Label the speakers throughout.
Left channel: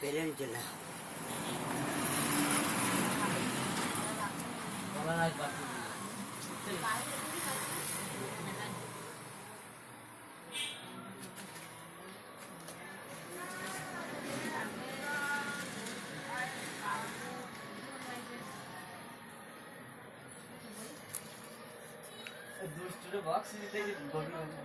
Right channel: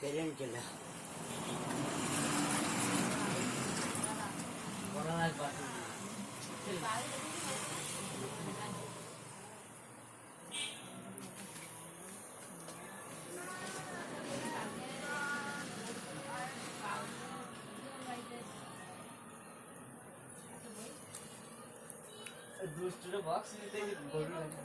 Speaker 1: পেলেন চলে
Speaker 2: দুষ্টুরে বক্স দিতে গভীর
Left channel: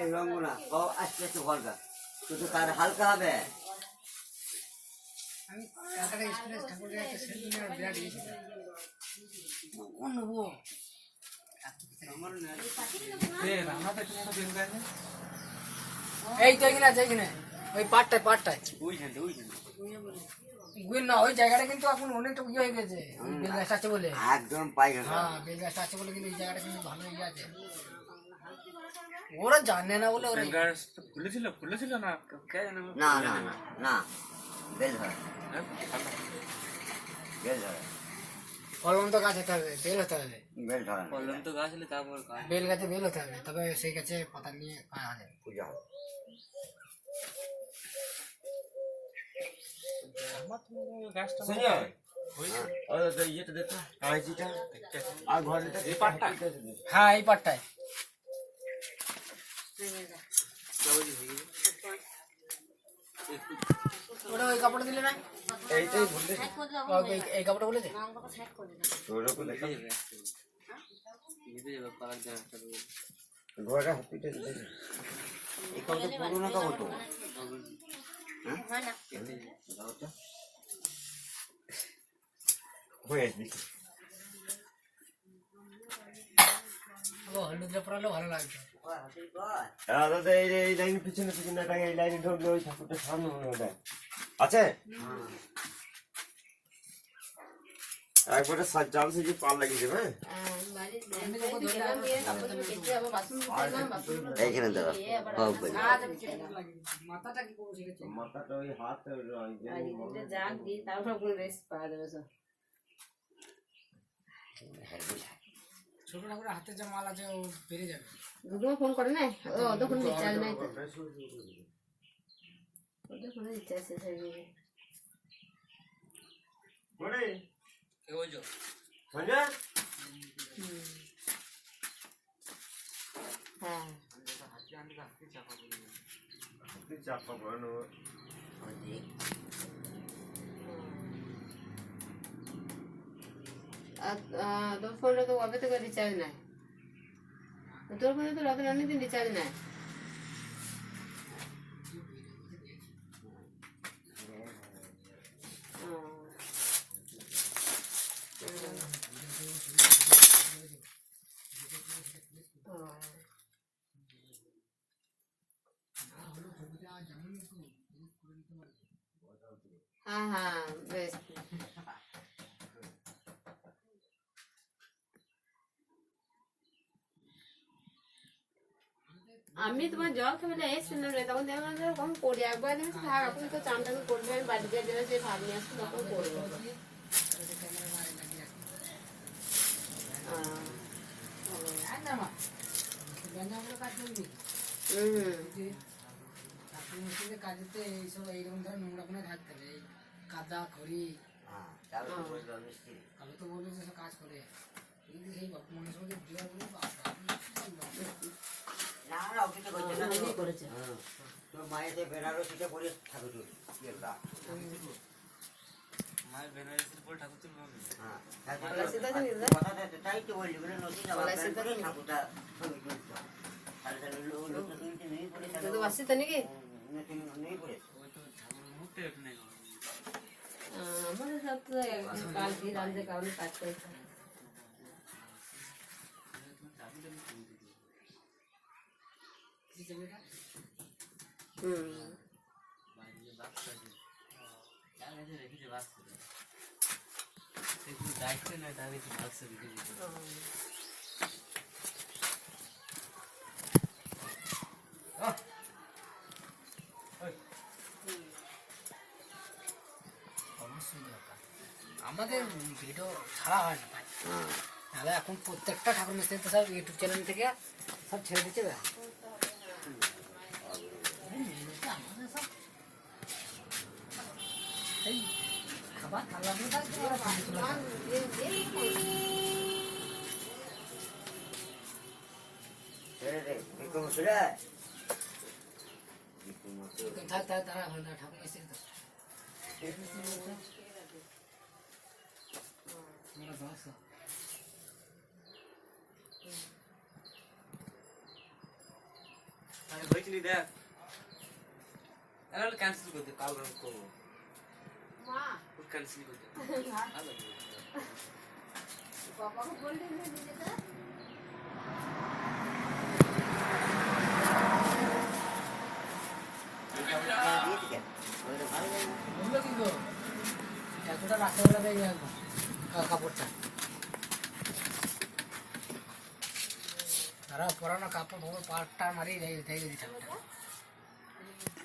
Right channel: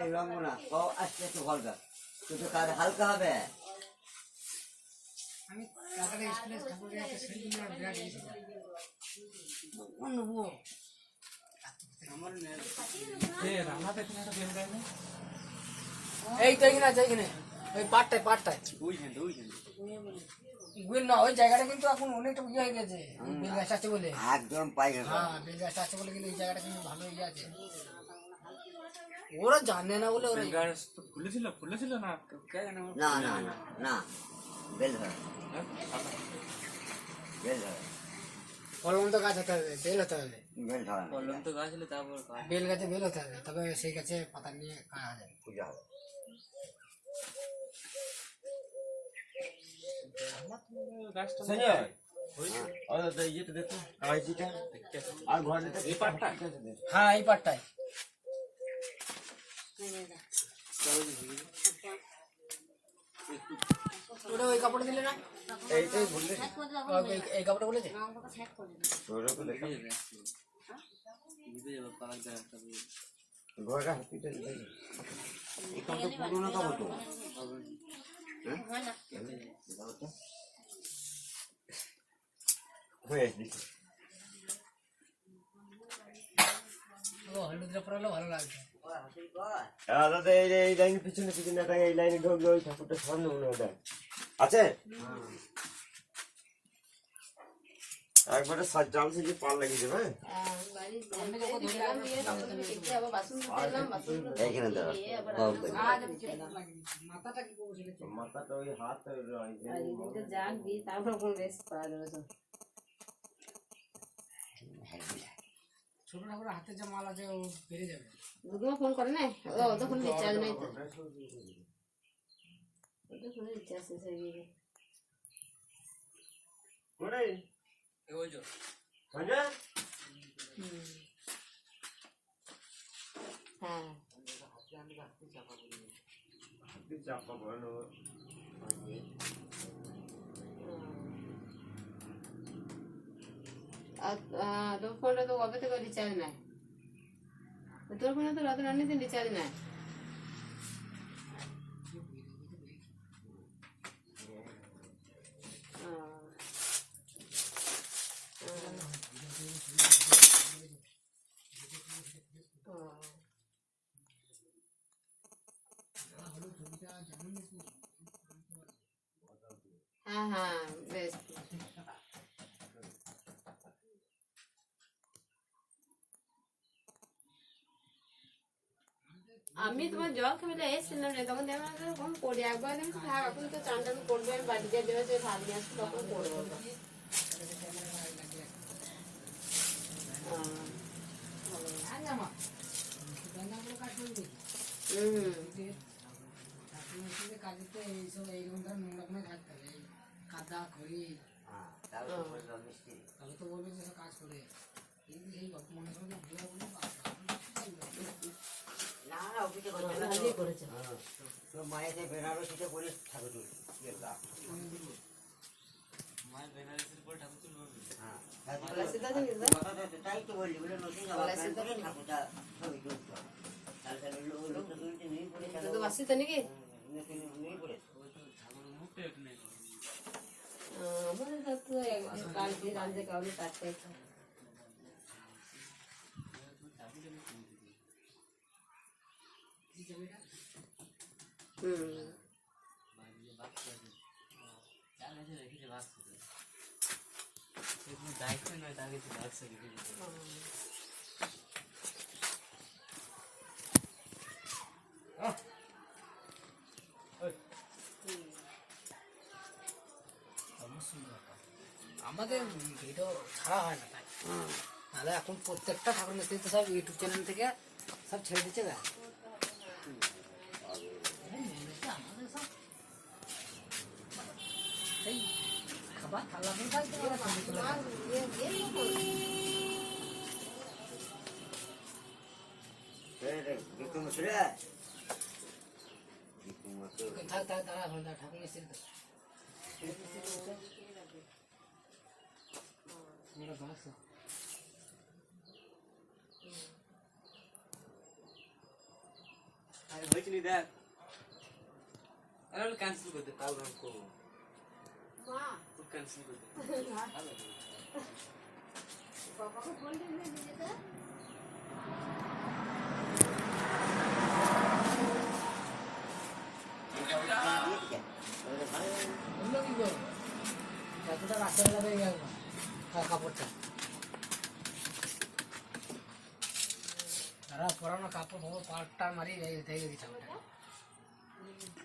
Speaker 1: এই রঙ্গনা ও আস্তে আস্তে ভরবে। তুই তো কার হালকা হবে।
Speaker 3: আমি কাকাটা স্প্রেড ঠাকুরের একটা সেলফি নিয়ে বিরাট গেছিলাম অন্য ও
Speaker 2: আমার রান্নাতে একটা বেল গায় না?
Speaker 3: এই তো এখানে আছে এখানে ওই পাটটায় পাটটায়
Speaker 2: ওই ঝান্ডে ওই
Speaker 3: গুল না ওই জায়গাটা কিন্তু এখন অনেকটা ইয়ে হয়ে গেছে বেল গাছটা আছে বলে।
Speaker 1: একদম
Speaker 3: হ্যাঁ বেল গাছটা আছে বলে কিন্তু এই জায়গাটা কিন্তু ভালো ইয়ে আছে। ওরা জানে না বলে ওরা
Speaker 2: গাছ খুলেছিল খুলেছিল না? কে জানে?
Speaker 1: না না না না বেল ধরে বেল ধরে
Speaker 3: কলম তো গাছ হতে হবে বেল হতে হবে।
Speaker 1: বেল ধরে না।
Speaker 2: কলম তো গাছ হলে তারপর
Speaker 3: বেল গাছে বেল হতে হবে তবে সেই গাছে পাতা নিয়ে খাওয়া যাবে
Speaker 1: পূজা হবে
Speaker 2: গাছটা
Speaker 1: আর ঘরে
Speaker 2: এই পাটটা
Speaker 3: হ্যাঁ এই পাটটায় ওই কাপড় দিলে না এই- কাপড়টা বলেছে
Speaker 2: ভিজে যাবে ভিজে যাবে পালাক দেওয়া একটা দেবে।
Speaker 1: ঘরে হসপিটাল এই কাপড় পুরোনো কাপড় তো
Speaker 4: দাদা এই লাইনের পিছনে পিছনে এই লাইনে ঢুকলে ওই ঠাকুরটা সামনে মনে ওটা আছে একবারে সাজ জাল সেজে পাল লাগিয়ে দেবে হ্যাঁ?
Speaker 1: এইখানে দাঁড়া সব বেল।
Speaker 3: মাথাটা কি করব সেটা
Speaker 4: মাথাটা ওই হাত
Speaker 3: ছোট ঠাকুরের হাতে যা মাল আছে ও বেড়ে যাবে।
Speaker 5: দুটো ফোন করে না ও তখন রিচার্জ নাই তো। ওদের ফোনে রিচার্জ শেষ হয়ে গেছে। তোর ফোনে তো কবে থেকে রিচার্জ নাই। তোর ফোনে তো রাতের অনেকদিন রিচার্জ নাই। হ্যাঁ বেশ আমি তোমার জল খাবে এসেছিলাম রে তখন দেখলাম কখন করি একবার আমি তো থাক আপনি তো চান টান করবে আমি বাড়ি যা যাবে যে ভাব নিয়ে আসছি তখন করব হুম।
Speaker 3: কাজেতে এইসব এইরকম নোংরা কোনো থাকতে হবে কাদা খড়ি
Speaker 1: হ্যাঁ।
Speaker 3: আমি তো বলব যে সব কাজ করে এই সেই বাপু মানুষ মধ্যে ঘুরে বলে বাবা
Speaker 1: না, অফিসে করছি না তো।
Speaker 5: ভালোই করেছে
Speaker 1: হ্যাঁ। বেনারসিতে ঠাকুর তুল। কি একটা।
Speaker 2: মায়ের বেনারসির পর ঠাকুর তুলবে
Speaker 1: হ্যাঁ। তো তাই তো বললি, বলে নতুন ঠাকুরটা ছবি তুলতে তাহলে তাহলে লোক তো নেই পরে তাহলে
Speaker 5: তো তো নাকি
Speaker 1: নতুন নেই পরে।
Speaker 2: ওই তো ঠাকুরের মুখটা নেই
Speaker 5: আমাদের তো কাল দিয়ে রাঁধতে কাউলে কাটতে
Speaker 2: দায়িত্ব নয় তার কাছে বাক্স রেখে দিতে
Speaker 3: আমাদের ভিডিও ছাড়া হয় না ভাই তাহলে এখন প্রত্যেকটা ঠাকুর মিস্ত্রি তো সব ইউটিউব চ্যানেল থেকে সব ছেড়ে দিচ্ছে ভাই এই খাবার থালা নিয়ে থাকতে ওরা ছবি তুলে দেয়।
Speaker 1: বিক্রম সুরে বিক্রম
Speaker 3: থাক থাক দাঁড়া ভাই, না, ঠাকুর মিস্ত্রি
Speaker 2: বইছিলি দেখ। ক্যান্সেল করতে কাল রাত করব
Speaker 5: মা।
Speaker 2: ক্যান্সেল করতে
Speaker 5: বাবাকে বললেন না নিজেটা
Speaker 3: এতটা একদম কা- কাপড়টা তারা পরানো কাপড় ফাপড় পাটটা মারিয়ে দেয় দেখে দিতে হবে